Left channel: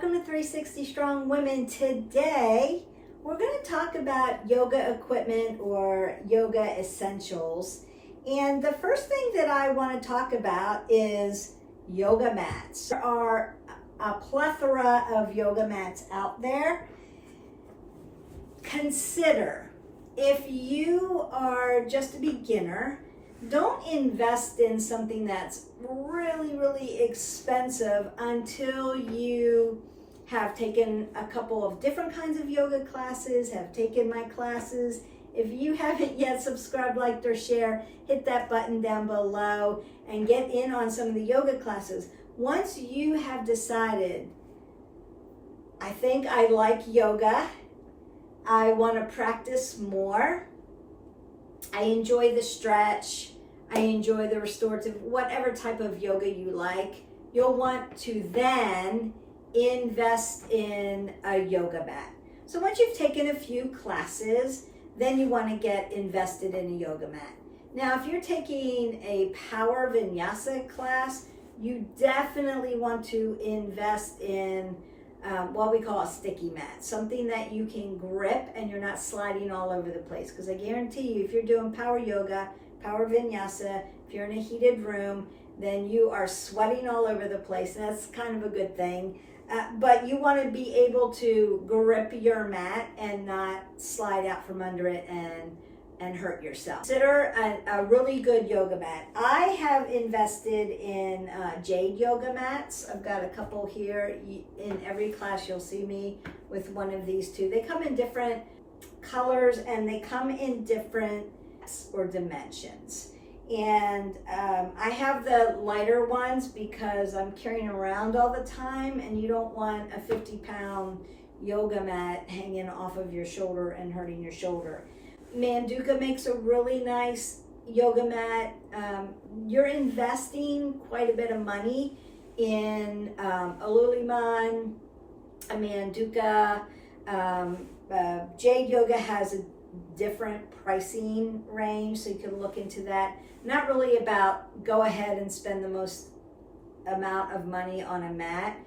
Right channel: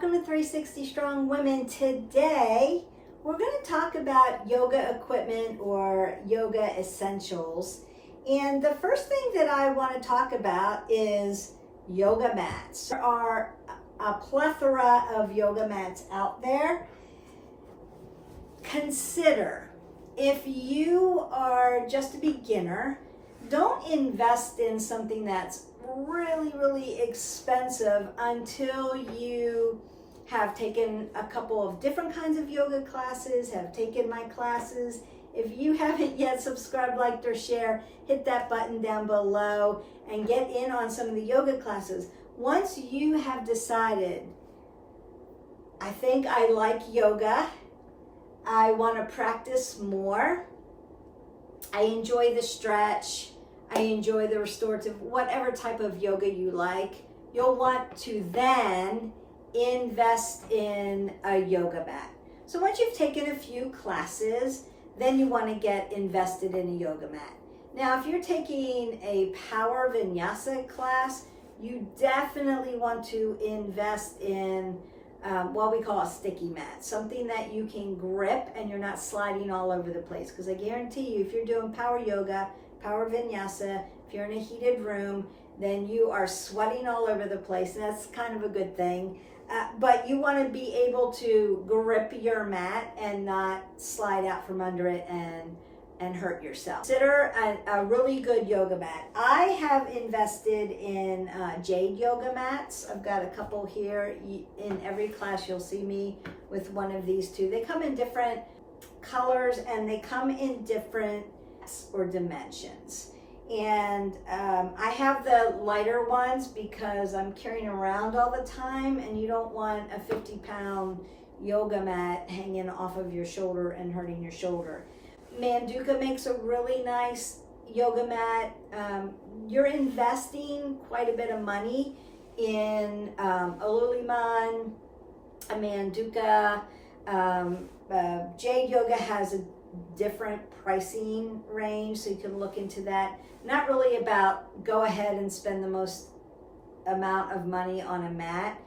welcome to 360 Strong Women. Today, we're going to talk about yoga equipment or yoga essentials. And the first thing that I want to talk about is yoga mats. There are a plethora of yoga mats out there. Consider, if you are just a beginner, don't invest in something that's really expensive until you have taken a couple of different kinds of yoga classes, have taken my classes. If you haven't yet subscribed, liked, or share, hit that button down below and get in on some of the yoga classes. Once you have decided, I think I like yoga, I want to practice more, I enjoy the stretch, I enjoy the restorative, whatever type of yoga you like, you'll want to then invest in a yoga mat. So once you've taken a few classes, then you want to get invested in a yoga mat. Now, if you're taking a power vinyasa class, you definitely want to invest in what we call a sticky mat, something that you can grip and you're not sliding all over the place. Because I guarantee you, if you're doing power yoga, power vinyasa, if you're in a heated room, then you are sweating all over the place. That's kind of a good thing. But you want to be able to grip your mat and not slide out from under it and hurt yourself. Consider a really good yoga mat. I have invested in jade yoga mats. I've got a couple here. In every class you'll see me with one of these two. They come in different colors and they come in different or dimensions. And I have the lighter ones because I'm carrying around all the time, and you don't want a 50-pound yoga mat hanging off of your shoulder and hurting your shoulder. Manduka makes a really nice yoga mat. You're investing quite a bit of money in a Lululemon, a Manduka. Jade Yoga has a different pricing range, so you can look into that. Not really about go ahead and spend the most amount of money on a mat.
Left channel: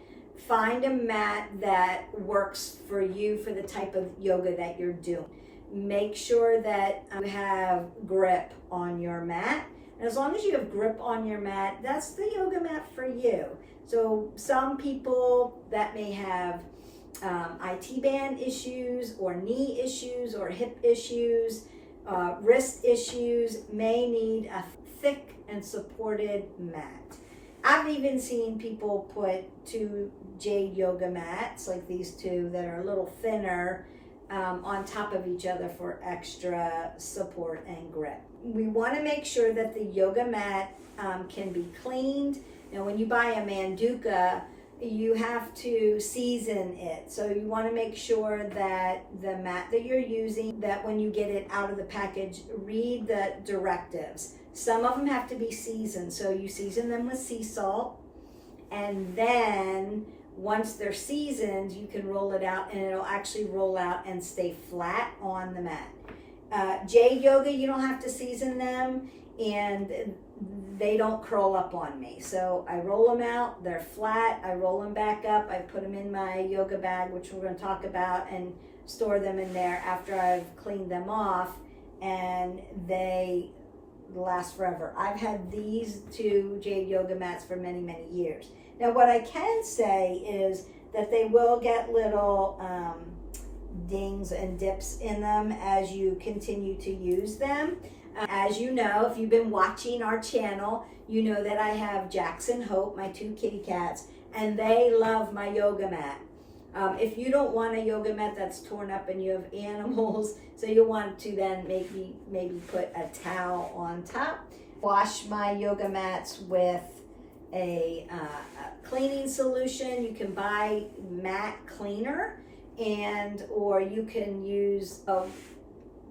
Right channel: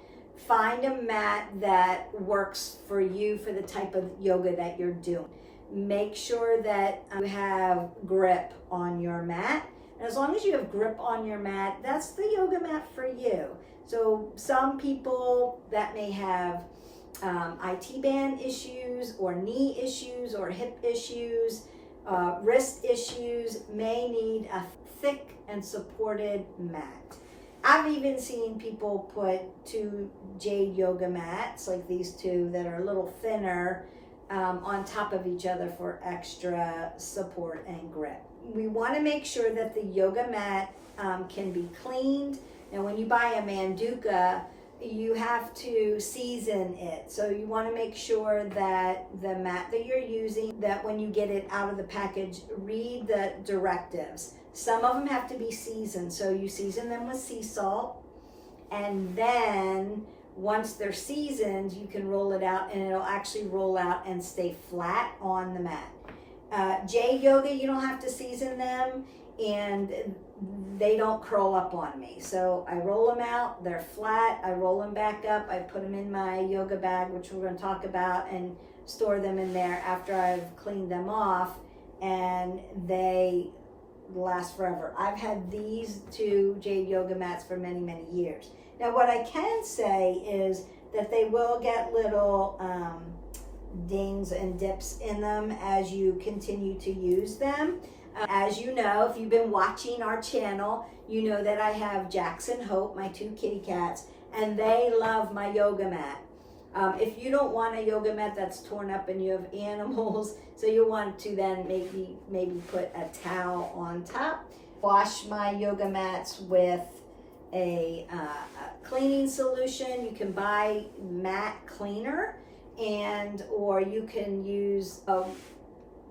Find a mat that works for you for the type of yoga that you're doing. Make sure that you have grip on your mat. And as long as you have grip on your mat, that's the yoga mat for you. So some people that may have IT band issues or knee issues or hip issues, wrist issues, may need a thick and supported mat. I've even seen people put two jade yoga mats like these two that are a little thinner on top of each other for extra support and grip. We want to make sure that the yoga mat can be cleaned. Now when you buy a Manduka, you have to season it. So you want to make sure that the mat that you're using, that when you get it out of the package, read the directives. Some of them have to be seasoned. So you season them with sea salt, and then once they're seasoned, you can roll it out and it'll actually roll out and stay flat on the mat. Jade Yoga, you don't have to season them, and they don't curl up on me. So I roll them out, they're flat, I roll them back up, I put them in my yoga bag, which we're going to talk about, and store them in there after I've cleaned them off, and they last forever. I've had these two jade yoga mats for many years. Now what I can say is that they will get little dings and dips in them as you continue to use them. As you know, if you've been watching our channel, you know that I have Jax and Hope, my two kitty cats, and they love my yoga mat. If you don't want a yoga mat that's torn up and you have animals, so you want to then maybe put a towel on top. Wash my yoga mats with a cleaning solution. You can buy mat cleaner, or you can use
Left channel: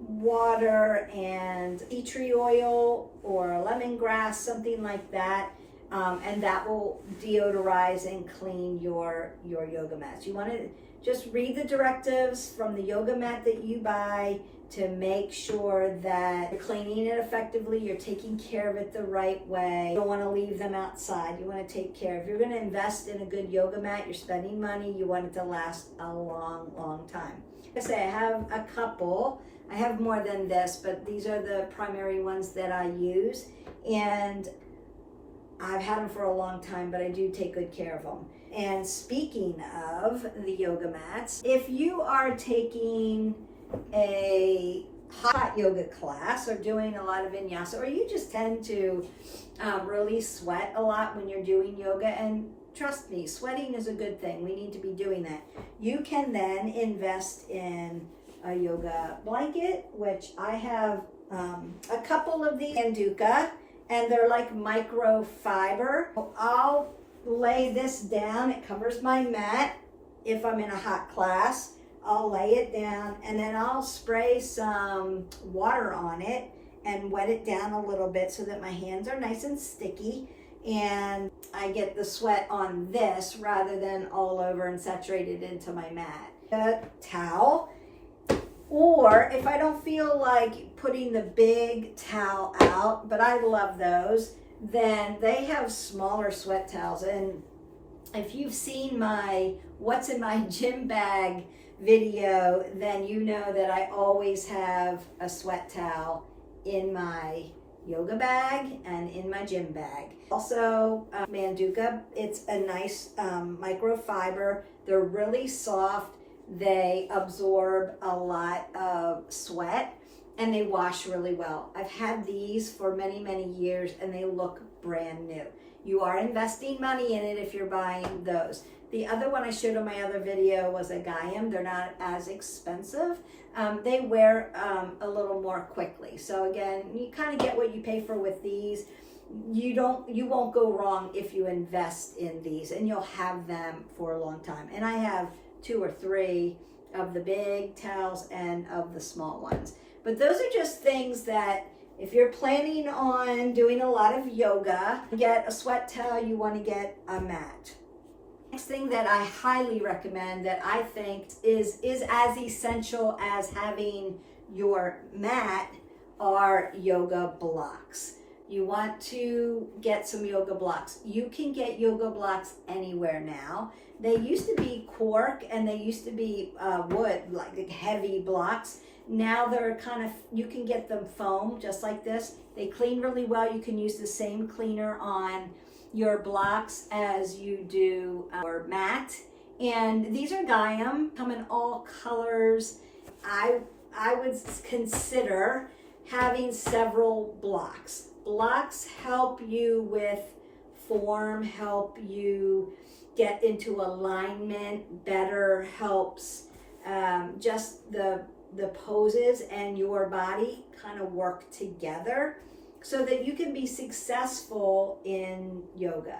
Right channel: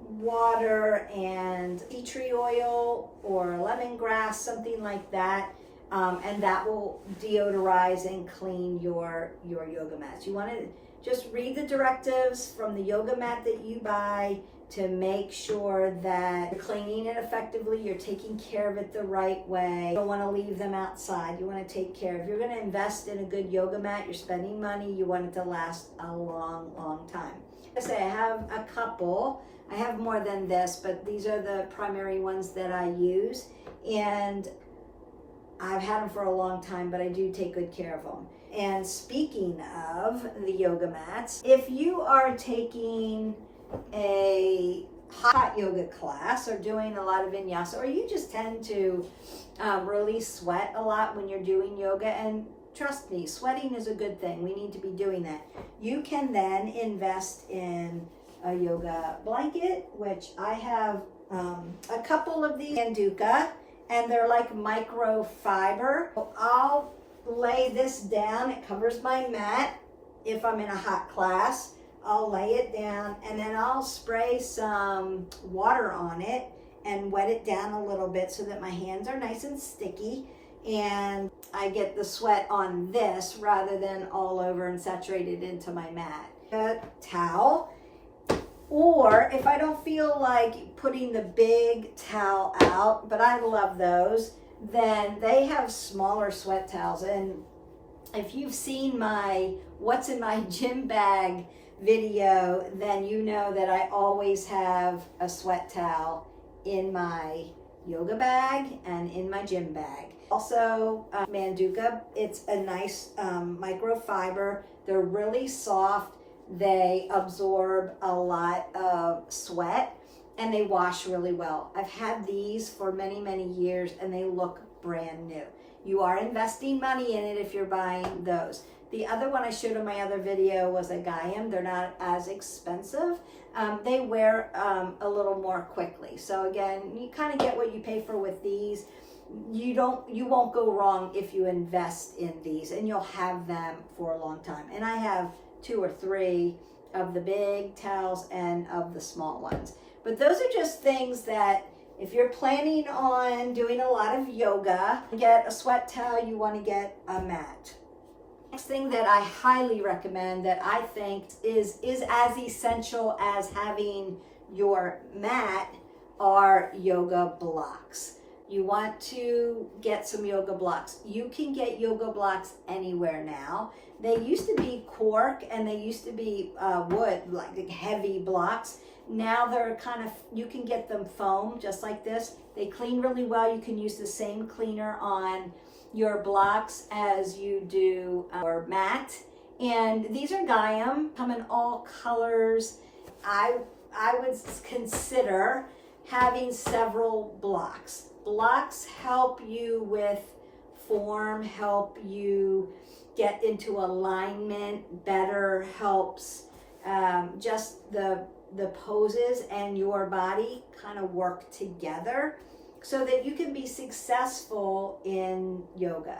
water and tea tree oil or lemongrass, something like that, and that will deodorize and clean your yoga mats. You want to just read the directives from the yoga mat that you buy. to make sure that you're cleaning it effectively, you're taking care of it the right way. You don't want to leave them outside. You want to take care. If you're going to invest in a good yoga mat, you're spending money, you want it to last a long, long time. I say I have a couple. I have more than this, but these are the primary ones that I use. And I've had them for a long time, but I do take good care of them. And speaking of the yoga mats, if you are taking a hot yoga class or doing a lot of vinyasa, or you just tend to really sweat a lot when you're doing yoga, and trust me, sweating is a good thing. We need to be doing that. You can then invest in a yoga blanket, which I have a couple of these Manduka, and they're like microfiber. I'll lay this down. It covers my mat. If I'm in a hot class, I'll lay it down, and then I'll spray some water on it and wet it down a little bit so that my hands are nice and sticky, and I get the sweat on this rather than all over and saturated into my mat. A towel, or if I don't feel like putting the big towel out, but I love those, then they have smaller sweat towels. And if you've seen my what's in my gym bag video, then you know that I always have a sweat towel in my yoga bag and in my gym bag. Also, Manduka, it's a nice microfiber. They're really soft. They absorb a lot of sweat, and they wash really well. I've had these for many, many years, and they look brand new. You are investing money in it if you're buying those. The other one I showed in my other video was a Gaiam. They're not as expensive. They wear a little more quickly. So again, you kind of get what you pay for with these. You won't go wrong if you invest in these, and you'll have them for a long time. And I have 2 or 3 of the big towels and of the small ones. But those are just things that if you're planning on doing a lot of yoga, get a sweat towel, you want to get a mat. Next thing that I highly recommend that I think is as essential as having your mat are yoga blocks. You want to get some yoga blocks. You can get yoga blocks anywhere now. They used to be cork, and they used to be wood, like heavy blocks. Now they're kind of, you can get them foam just like this. They clean really well. You can use the same cleaner on your blocks as you do your mat. And these are Gaiam, come in all colors. I would consider having several blocks. Blocks help you with form, help you get into alignment better, helps just the poses and your body kind of work together so that you can be successful in yoga.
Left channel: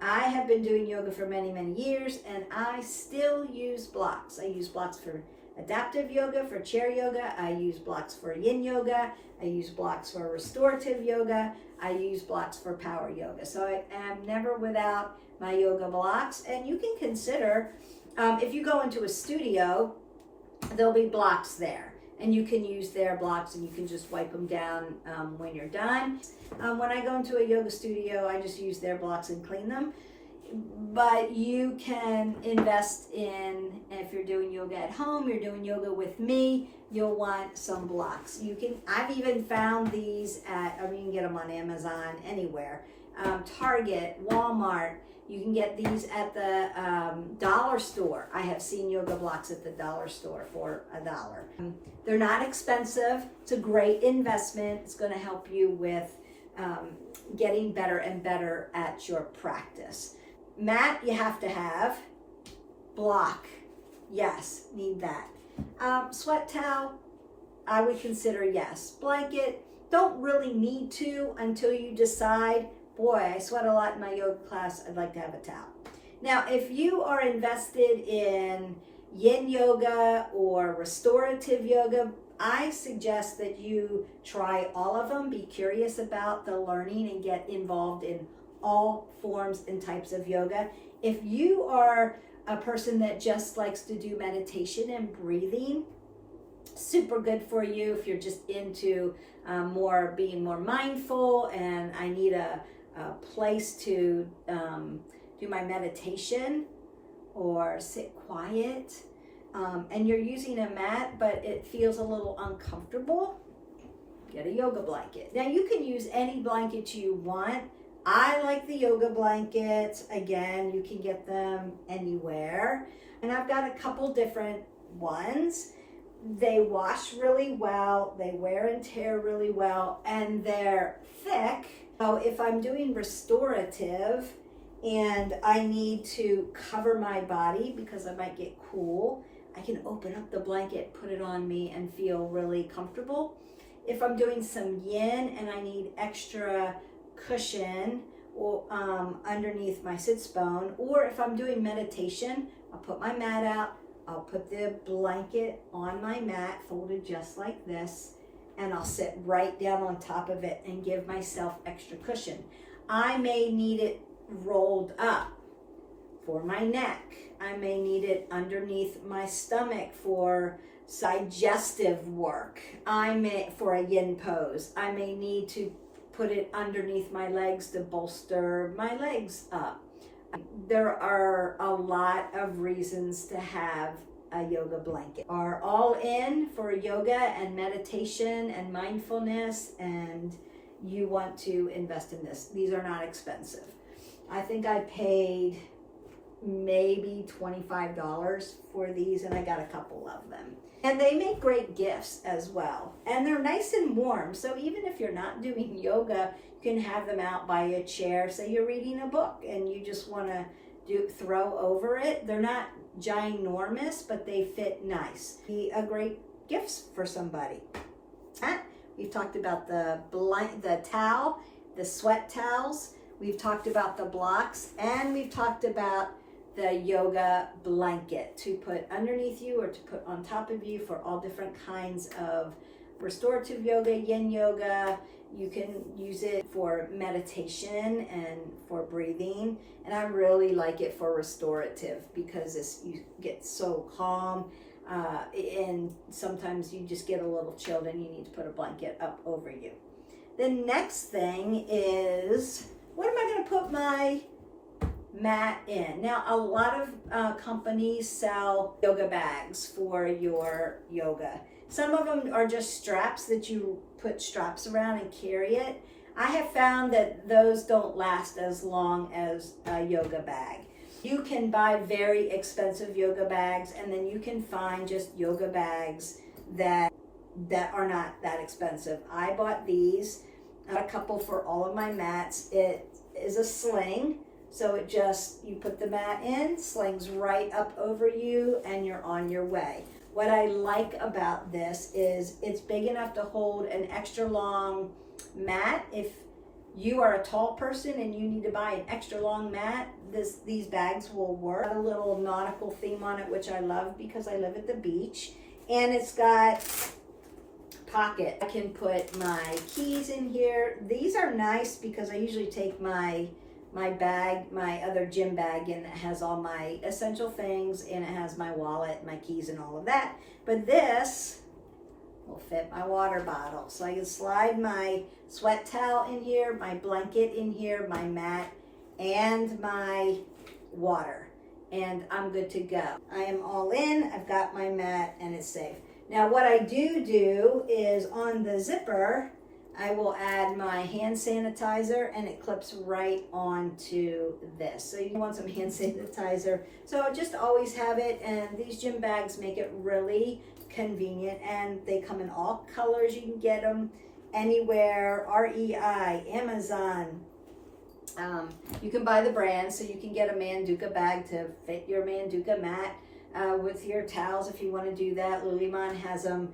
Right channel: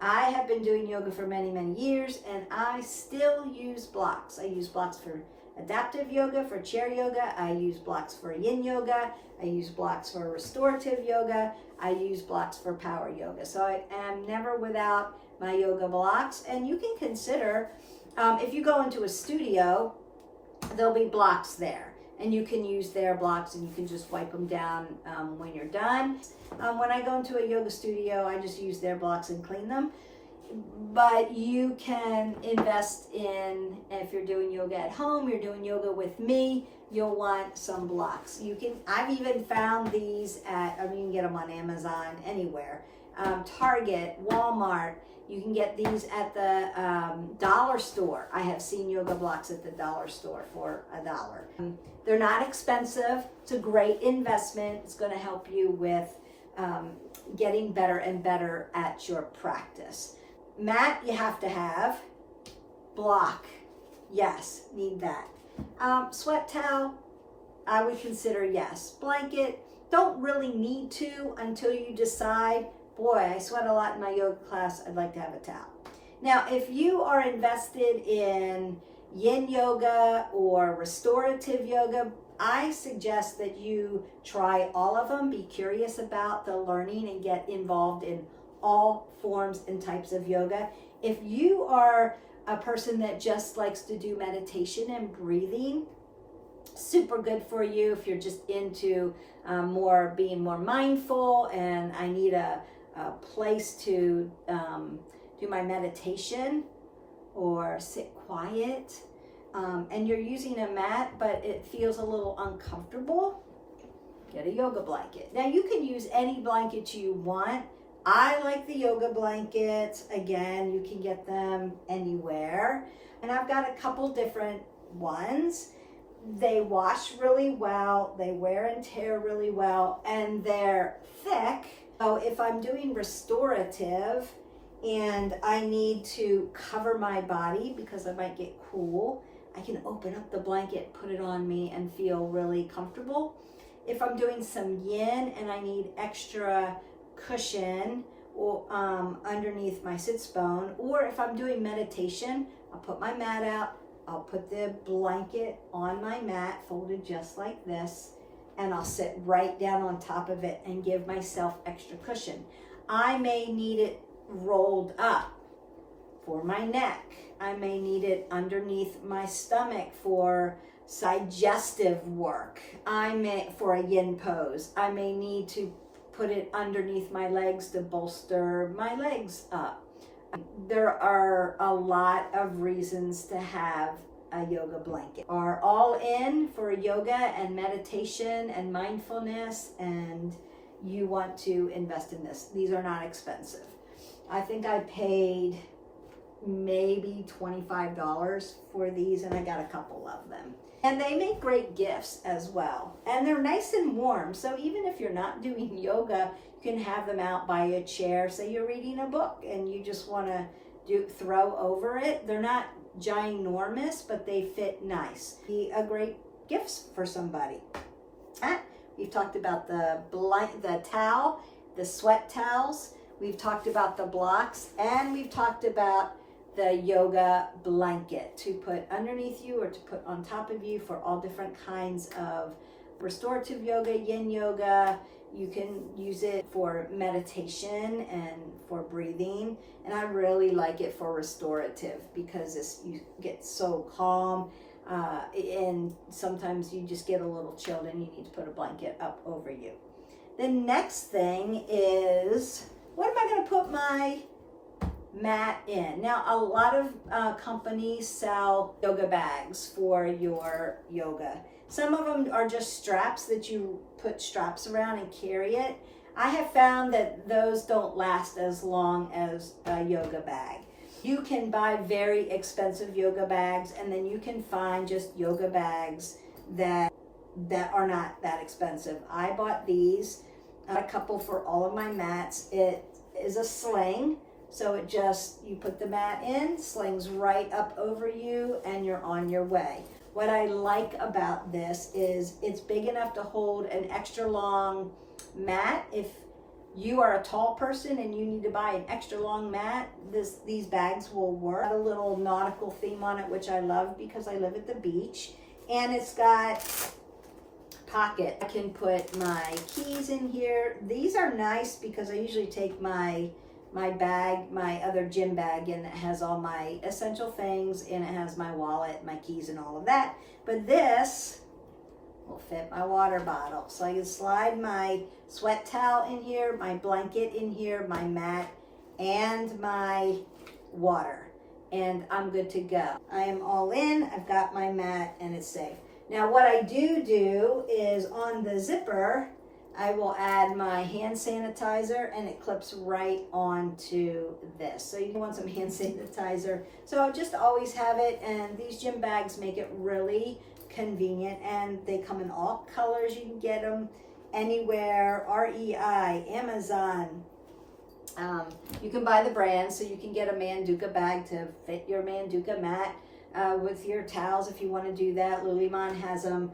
I have been doing yoga for many, many years, and I still use blocks. I use blocks for adaptive yoga, for chair yoga. I use blocks for yin yoga. I use blocks for restorative yoga. I use blocks for power yoga. So I am never without my yoga blocks. And you can consider, if you go into a studio, there'll be blocks there, and you can use their blocks, and you can just wipe them down when you're done. When I go into a yoga studio, I just use their blocks and clean them. But you can invest in, if you're doing yoga at home, you're doing yoga with me, you'll want some blocks. I've even found these at, you can get them on Amazon, anywhere. Target, Walmart. You can get these at the dollar store. I have seen yoga blocks at the dollar store for $1. They're not expensive. It's a great investment. It's going to help you with getting better and better at your practice. Mat, you have to have. Block, yes, need that. Sweat towel, I would consider yes. Blanket, don't really need to until you decide, boy, I sweat a lot in my yoga class, I'd like to have a towel. Now, if you are invested in yin yoga or restorative yoga, I suggest that you try all of them, be curious about the learning, and get involved in all forms and types of yoga. If you are a person that just likes to do meditation and breathing, Super good for you if you're just into being more mindful, and I need a place to do my meditation or sit quiet, and you're using a mat but it feels a little uncomfortable. Get a yoga blanket. Now you can use any blanket you want. I like the yoga blankets. Again, you can get them anywhere. And I've got a couple different ones. They wash really well, they wear and tear really well, and they're thick. So if I'm doing restorative and I need to cover my body because I might get cool, I can open up the blanket, put it on me, and feel really comfortable. If I'm doing some yin and I need extra cushion or underneath my sits bone, or if I'm doing meditation, I'll put my mat out, I'll put the blanket on my mat, folded just like this, and I'll sit right down on top of it and give myself extra cushion. I may need it rolled up for my neck. I may need it underneath my stomach for digestive work. For a yin pose. I may need to put it underneath my legs to bolster my legs up. There are a lot of reasons to have a yoga blanket. Are all in for yoga and meditation and mindfulness, and you want to invest in this. These are not expensive. I think I paid maybe $25 for these, and I got a couple of them. And they make great gifts as well. And they're nice and warm. So even if you're not doing yoga, you can have them out by a chair. Say you're reading a book and you just want to throw over it. They're not ginormous, but they fit nice. Be a great gift for somebody. We've talked about the towel, the sweat towels. We've talked about the blocks, and we've talked about the yoga blanket to put underneath you or to put on top of you for all different kinds of restorative yoga, yin yoga. You can use it for meditation and for breathing. And I really like it for restorative because you get so calm. And sometimes you just get a little chilled and you need to put a blanket up over you. The next thing is, what am I going to put my mat in? Now, a lot of companies sell yoga bags for your yoga. Some of them are just straps that you put straps around and carry it. I have found that those don't last as long as a yoga bag. You can buy very expensive yoga bags, and then you can find just yoga bags that are not that expensive. I bought these, a couple for all of my mats. It is a sling. So you put the mat in, slings right up over you, and you're on your way. What I like about this is it's big enough to hold an extra long mat. If you are a tall person and you need to buy an extra long mat, these bags will work. A little nautical theme on it, which I love because I live at the beach. And it's got pocket. I can put my keys in here. These are nice because I usually take my bag, my other gym bag, and it has all my essential things, and it has my wallet, my keys, and all of that. But this will fit my water bottle. So I can slide my sweat towel in here, my blanket in here, my mat, and my water. And I'm good to go. I am all in, I've got my mat, and it's safe. Now what I do is on the zipper, I will add my hand sanitizer, and it clips right onto this. So you want some hand sanitizer. So just always have it, and these gym bags make it really convenient, and they come in all colors. You can get them anywhere, REI, Amazon. You can buy the brand, so you can get a Manduka bag to fit your Manduka mat with your towels if you want to do that. Lululemon has them.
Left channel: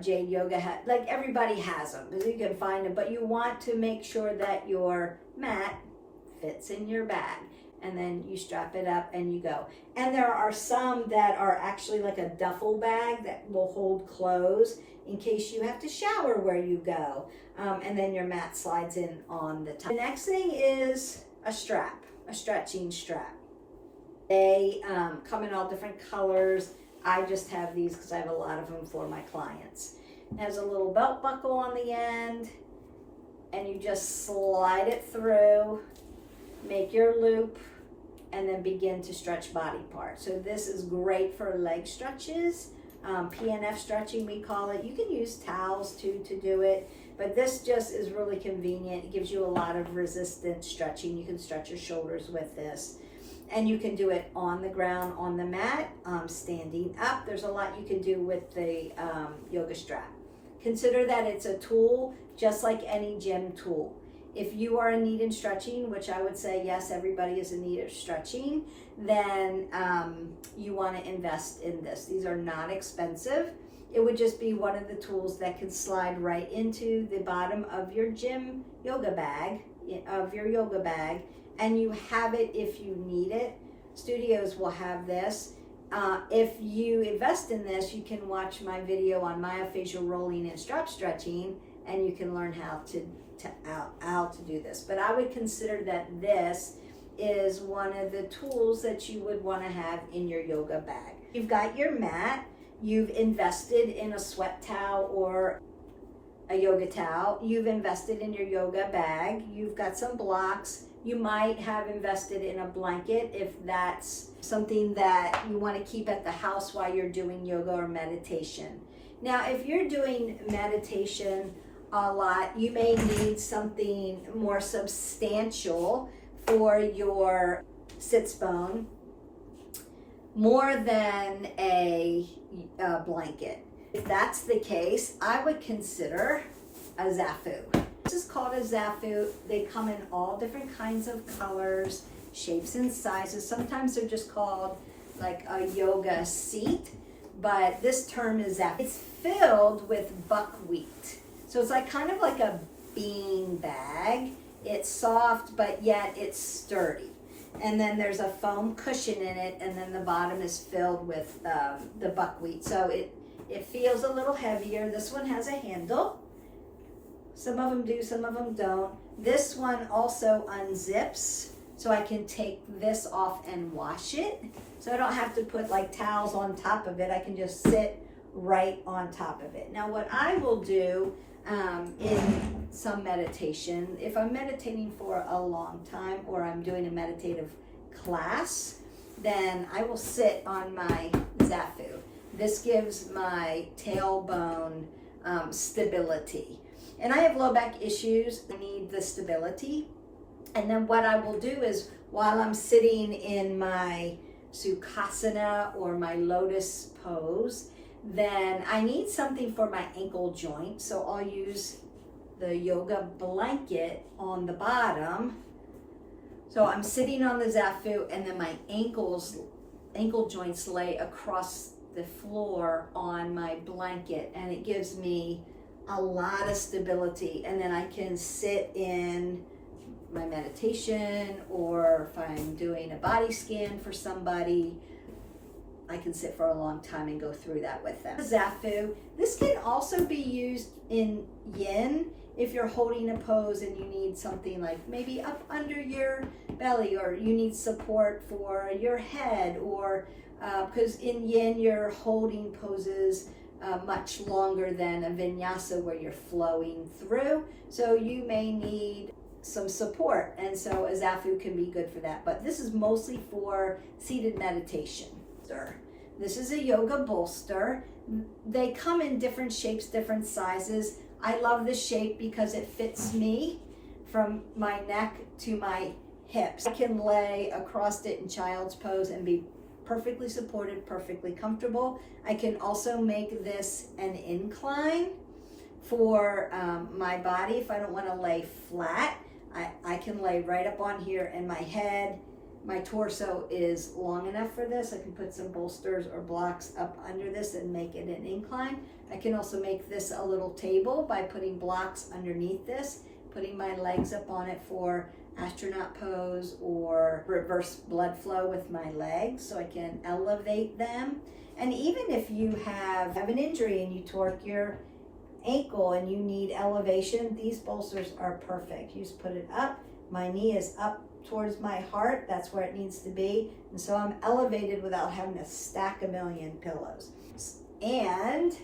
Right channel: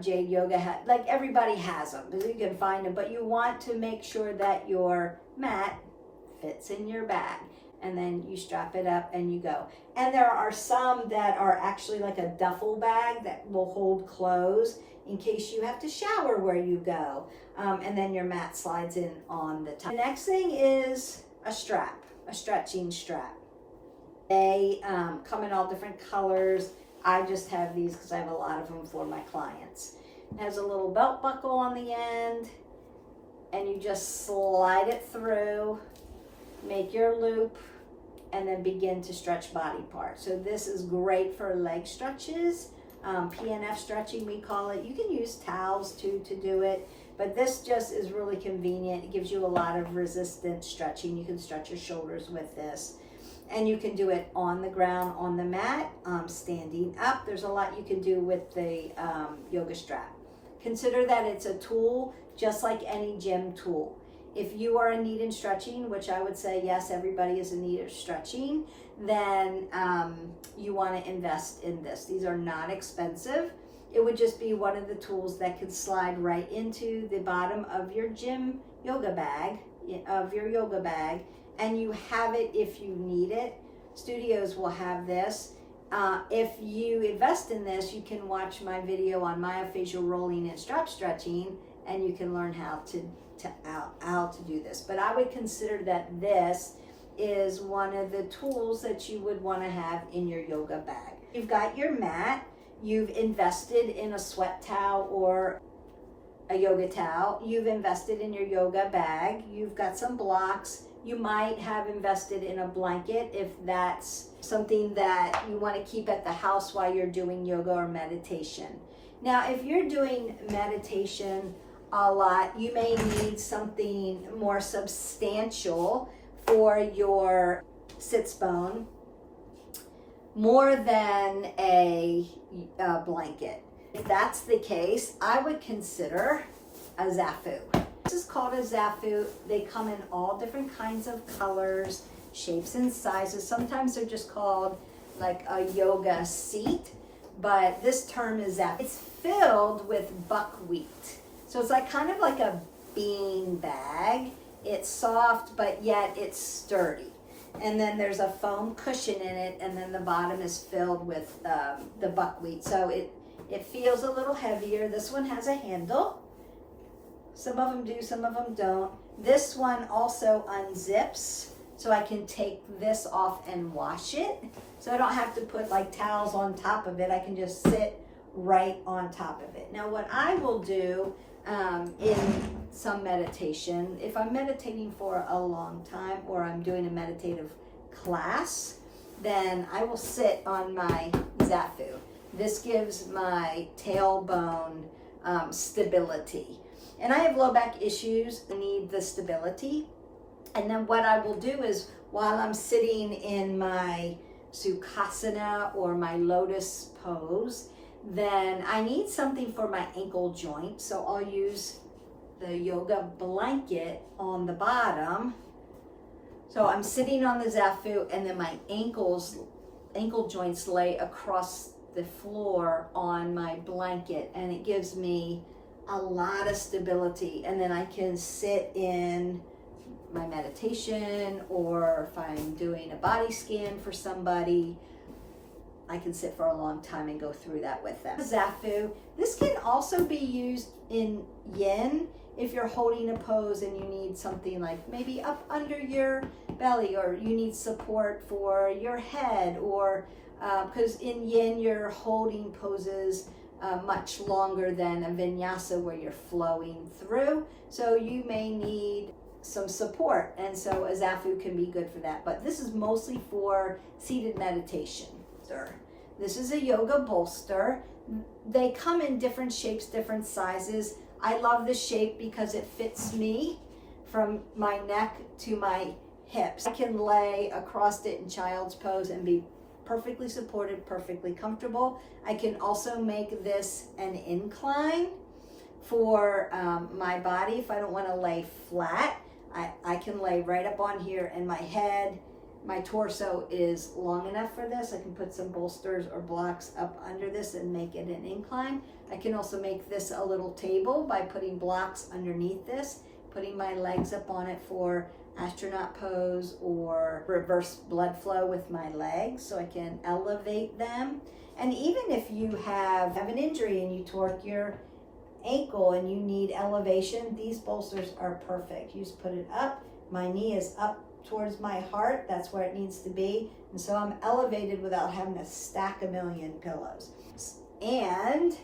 Jade Yoga like everybody has them, because you can find them, but you want to make sure that your mat fits in your bag, and then you strap it up and you go. And there are some that are actually like a duffel bag that will hold clothes in case you have to shower where you go, and then your mat slides in on the top. The next thing is a strap, a stretching strap. They come in all different colors. I just have these because I have a lot of them for my clients. It has a little belt buckle on the end, and you just slide it through, make your loop, and then begin to stretch body parts. So this is great for leg stretches, PNF stretching we call it. You can use towels too to do it, but this just is really convenient. It gives you a lot of resistant stretching. You can stretch your shoulders with this, and you can do it on the ground, on the mat, standing up. There's a lot you can do with the yoga strap. Consider that it's a tool just like any gym tool. If you are in need of stretching, which I would say yes, everybody is in need of stretching, then you want to invest in this. These are not expensive. It would just be one of the tools that could slide right into the bottom of your gym yoga bag, and you have it if you need it. Studios will have this. If you invest in this, you can watch my video on myofascial rolling and strap stretching, and you can learn how to do this. But I would consider that this is one of the tools that you would want to have in your yoga bag. You've got your mat, you've invested in a sweat towel or a yoga towel, you've invested in your yoga bag, you've got some blocks, you might have invested in a blanket if that's something that you want to keep at the house while you're doing yoga or meditation. Now, if you're doing meditation a lot, you may need something more substantial for your sits bone, more than a blanket. If that's the case, I would consider a zafu. This is called a zafu. They come in all different kinds of colors, shapes, and sizes. Sometimes they're just called like a yoga seat, but this term is zafu. It's filled with buckwheat. So it's like kind of like a bean bag. It's soft, but yet it's sturdy. And then there's a foam cushion in it, and then the bottom is filled with the buckwheat. So it feels a little heavier. This one has a handle. Some of them do, some of them don't. This one also unzips, so I can take this off and wash it. So I don't have to put like towels on top of it. I can just sit right on top of it. Now what I will do in some meditation, if I'm meditating for a long time or I'm doing a meditative class, then I will sit on my zafu. This gives my tailbone stability. And I have low back issues. I need the stability. And then what I will do is while I'm sitting in my Sukhasana or my lotus pose, then I need something for my ankle joint. So I'll use the yoga blanket on the bottom. So I'm sitting on the zafu, and then my ankle joints lay across the floor on my blanket, and it gives me a lot of stability. And then I can sit in my meditation, or if I'm doing a body scan for somebody, I can sit for a long time and go through that with them. Zafu, this can also be used in yin if you're holding a pose and you need something like maybe up under your belly, or you need support for your head, or because in yin you're holding poses much longer than a vinyasa where you're flowing through. So you may need some support, and so a zafu can be good for that. But this is mostly for seated meditation. This is a yoga bolster. They come in different shapes, different sizes. I love this shape because it fits me from my neck to my hips. I can lay across it in child's pose and be perfectly supported, perfectly comfortable. I can also make this an incline for my body. If I don't want to lay flat, I can lay right up on here, and my torso is long enough for this. I can put some bolsters or blocks up under this and make it an incline. I can also make this a little table by putting blocks underneath this, putting my legs up on it for astronaut pose or reverse blood flow with my legs, so I can elevate them. And even if you have an injury and you torque your ankle and you need elevation, these bolsters are perfect. You just put it up. My knee is up towards my heart. That's where it needs to be. And so I'm elevated without having to stack a million pillows. And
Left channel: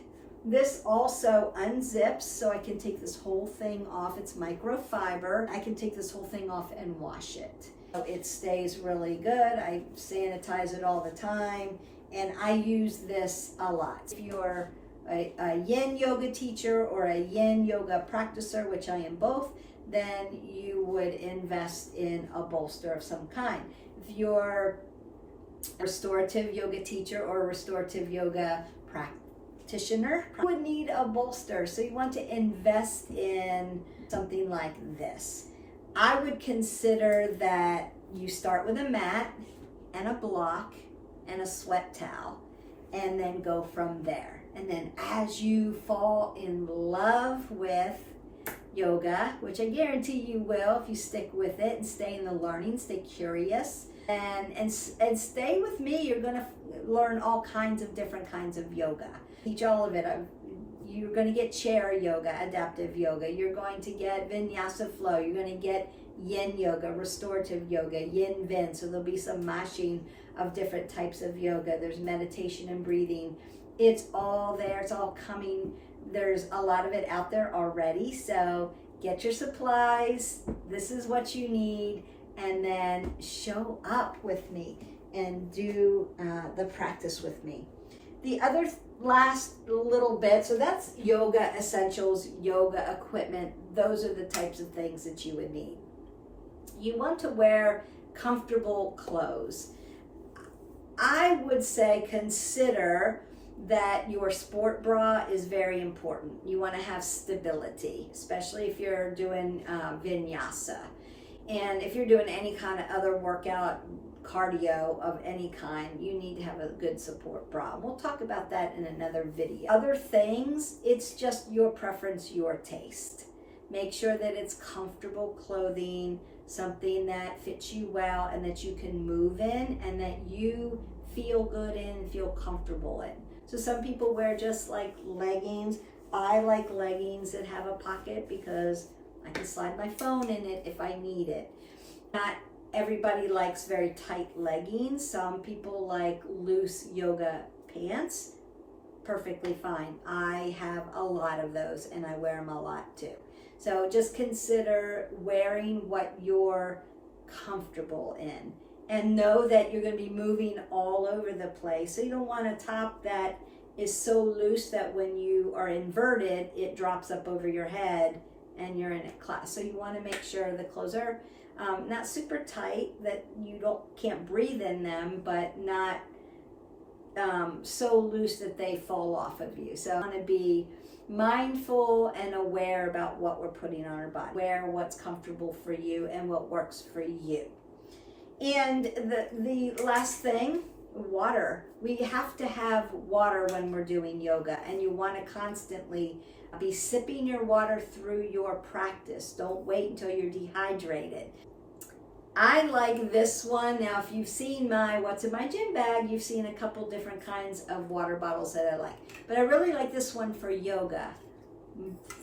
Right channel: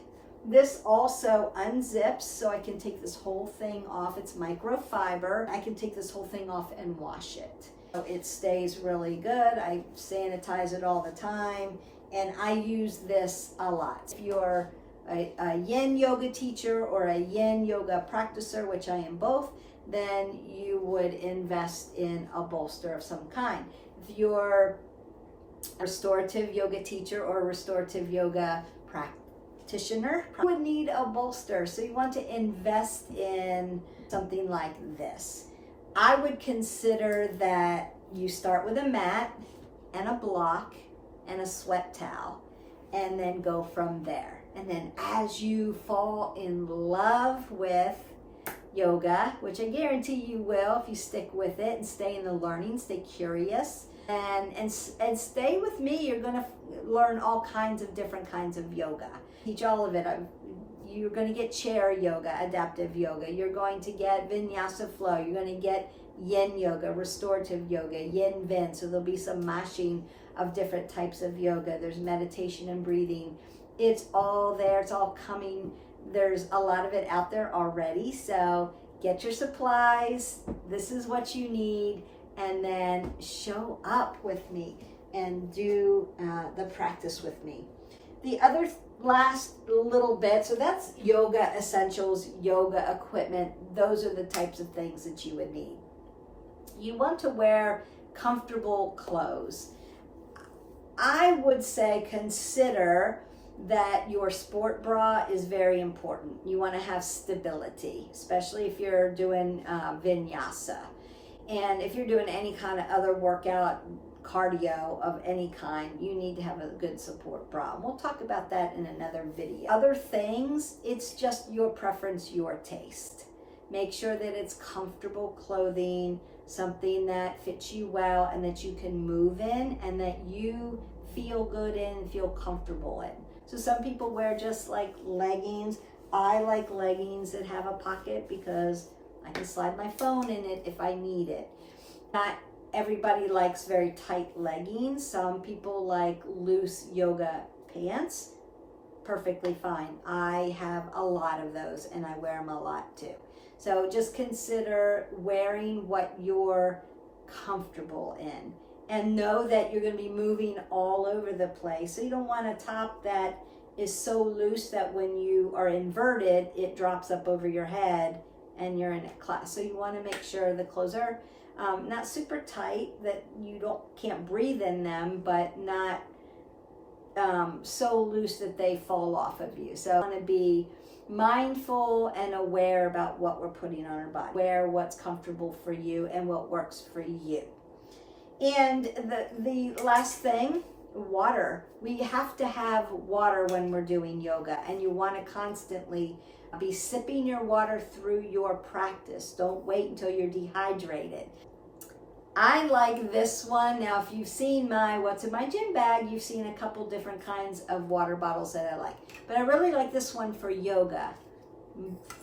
this also unzips, so I can take this whole thing off. It's microfiber. I can take this whole thing off and wash it. So it stays really good. I sanitize it all the time, and I use this a lot. If you're a yin yoga teacher or a yin yoga practicer, which I am both, then you would invest in a bolster of some kind. If you're a restorative yoga teacher or a restorative yoga practitioner, you would need a bolster. So you want to invest in something like this. I would consider that you start with a mat and a block and a sweat towel, and then go from there. And then as you fall in love with yoga, which I guarantee you will if you stick with it and stay in the learning, stay curious, and stay with me, you're going to learn all kinds of different kinds of yoga. Teach all of it. You're going to get chair yoga, adaptive yoga. You're going to get vinyasa flow. You're going to get yin yoga, restorative yoga, yin vin. So there'll be some mashing of different types of yoga. There's meditation and breathing. It's all there. It's all coming. There's a lot of it out there already. So get your supplies. This is what you need. And then show up with me and do the practice with me. The other last little bit, so that's yoga essentials, yoga equipment. Those are the types of things that you would need. You want to wear comfortable clothes. I would say consider that your sport bra is very important. You want to have stability, especially if you're doing vinyasa. And if you're doing any kind of other workout, cardio of any kind, you need to have a good support bra. We'll talk about that in another video. Other things, it's just your preference, your taste. Make sure that it's comfortable clothing, something that fits you well and that you can move in and that you feel good in and feel comfortable in. So some people wear just like leggings. I like leggings that have a pocket because I can slide my phone in it if I need it. Not everybody likes very tight leggings. Some people like loose yoga pants. Perfectly fine. I have a lot of those and I wear them a lot too. So just consider wearing what you're comfortable in. And know that you're going to be moving all over the place. So you don't want a top that is so loose that when you are inverted, it drops up over your head and you're in a class. So you want to make sure the clothes are not super tight, that you can't breathe in them, but not so loose that they fall off of you. So you want to be mindful and aware about what we're putting on our body. Wear what's comfortable for you and what works for you. And the last thing, water. We have to have water when we're doing yoga, and you want to constantly be sipping your water through your practice. Don't wait until you're dehydrated. I like this one. Now, if you've seen my What's in My Gym bag, you've seen a couple different kinds of water bottles that I like. But I really like this one for yoga.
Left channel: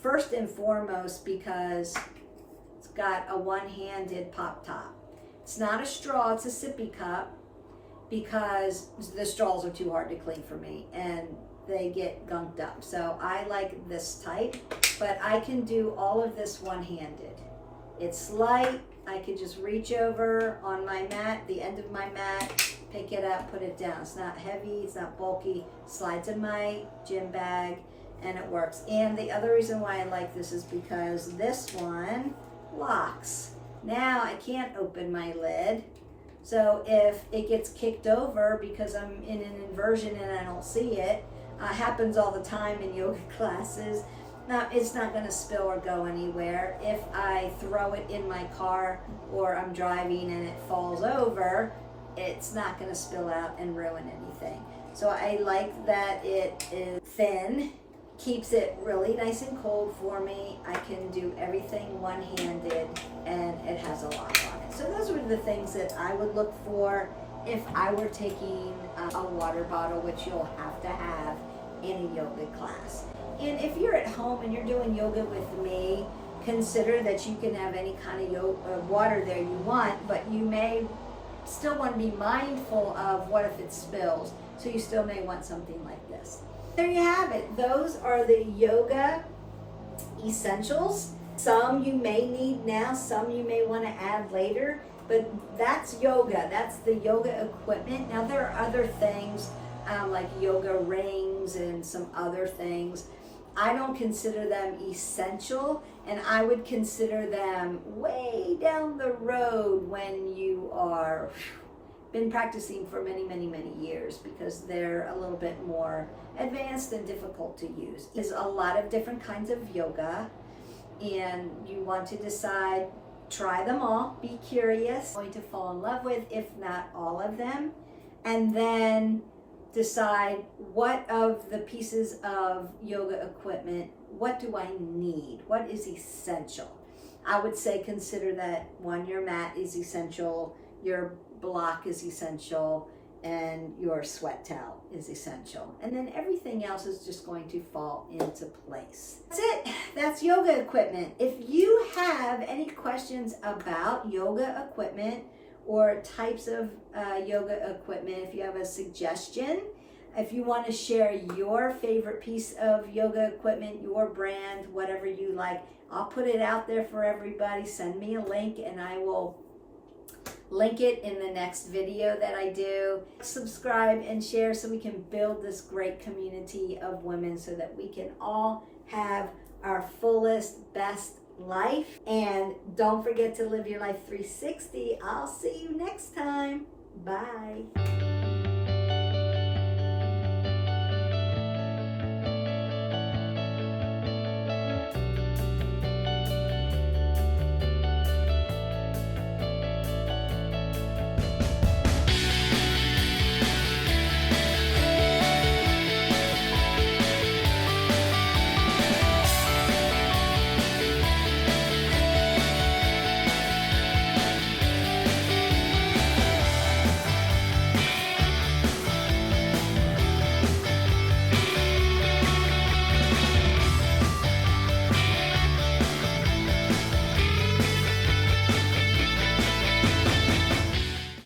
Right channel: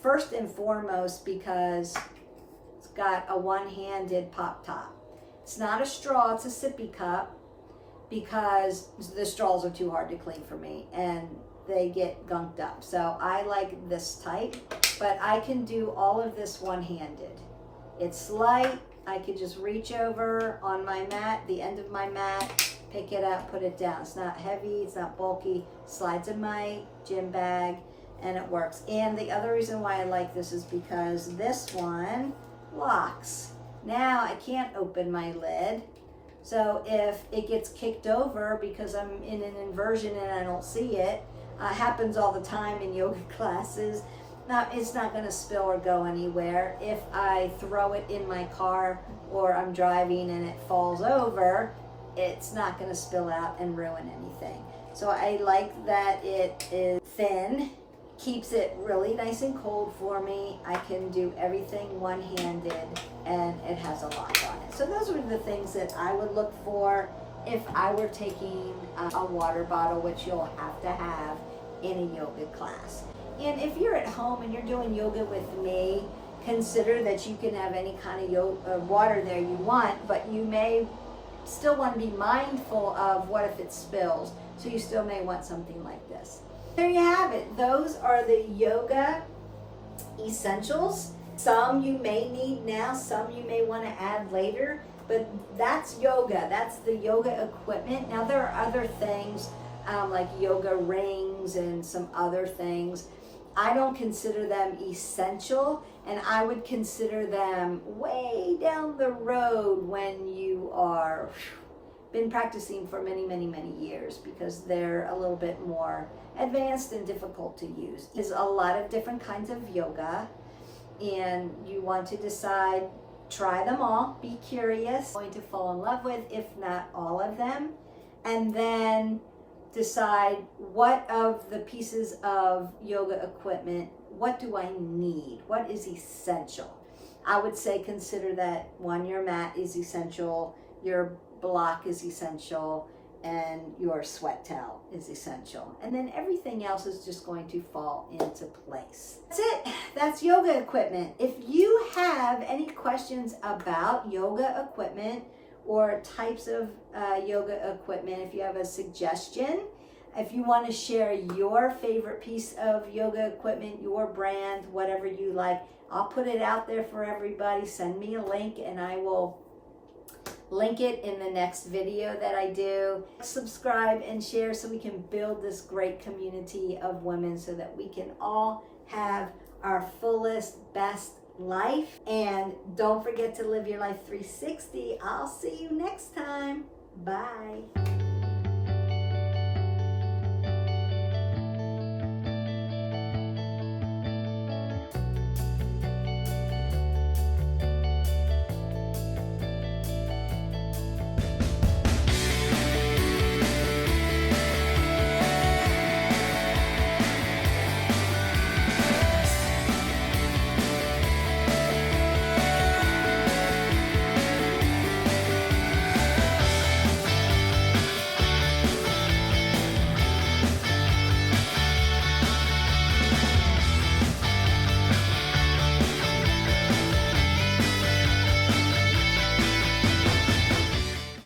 First and foremost because it's got a one-handed pop top. It's not a straw, it's a sippy cup because the straws are too hard to clean for me and they get gunked up. So I like this type, but I can do all of this one-handed. It's light. I could just reach over on my mat, the end of my mat, pick it up, put it down. It's not heavy, it's not bulky, slides in my gym bag, and it works. And the other reason why I like this is because this one locks. Now I can't open my lid, so if it gets kicked over because I'm in an inversion and I don't see it, happens all the time in yoga classes. Now, it's not going to spill or go anywhere. If I throw it in my car or I'm driving and it falls over, it's not going to spill out and ruin anything. So I like that it is thin, keeps it really nice and cold for me. I can do everything one-handed and it has a lock on it. So those were the things that I would look for if I were taking a water bottle, which you'll have to have in a yoga class. And if you're at home and you're doing yoga with me, consider that you can have any kind of water there you want, but you may still want to be mindful of what if it spills. So you still may want something like this. There you have it. Those are the yoga essentials. Some you may need now, some you may want to add later, but that's yoga. That's the yoga equipment. Now there are other things like yoga rings and some other things. I don't consider them essential, and I would consider them way down the road when you are been practicing for many, many, many years, because they're a little bit more advanced and difficult to use. There's a lot of different kinds of yoga, and you want to decide, try them all, be curious, going to fall in love with, if not all of them, and then decide what of the pieces of yoga equipment, what do I need? What is essential? I would say consider that one, your mat is essential, your block is essential, and your sweat towel is essential. And then everything else is just going to fall into place. That's it. That's yoga equipment. If you have any questions about yoga equipment or types of yoga equipment, if you have a suggestion, if you want to share your favorite piece of yoga equipment, your brand, whatever you like, I'll put it out there for everybody. Send me a link and I will link it in the next video that I do. Subscribe and share so we can build this great community of women so that we can all have our fullest, best life. And don't forget to live your life 360. I'll see you next time. Bye.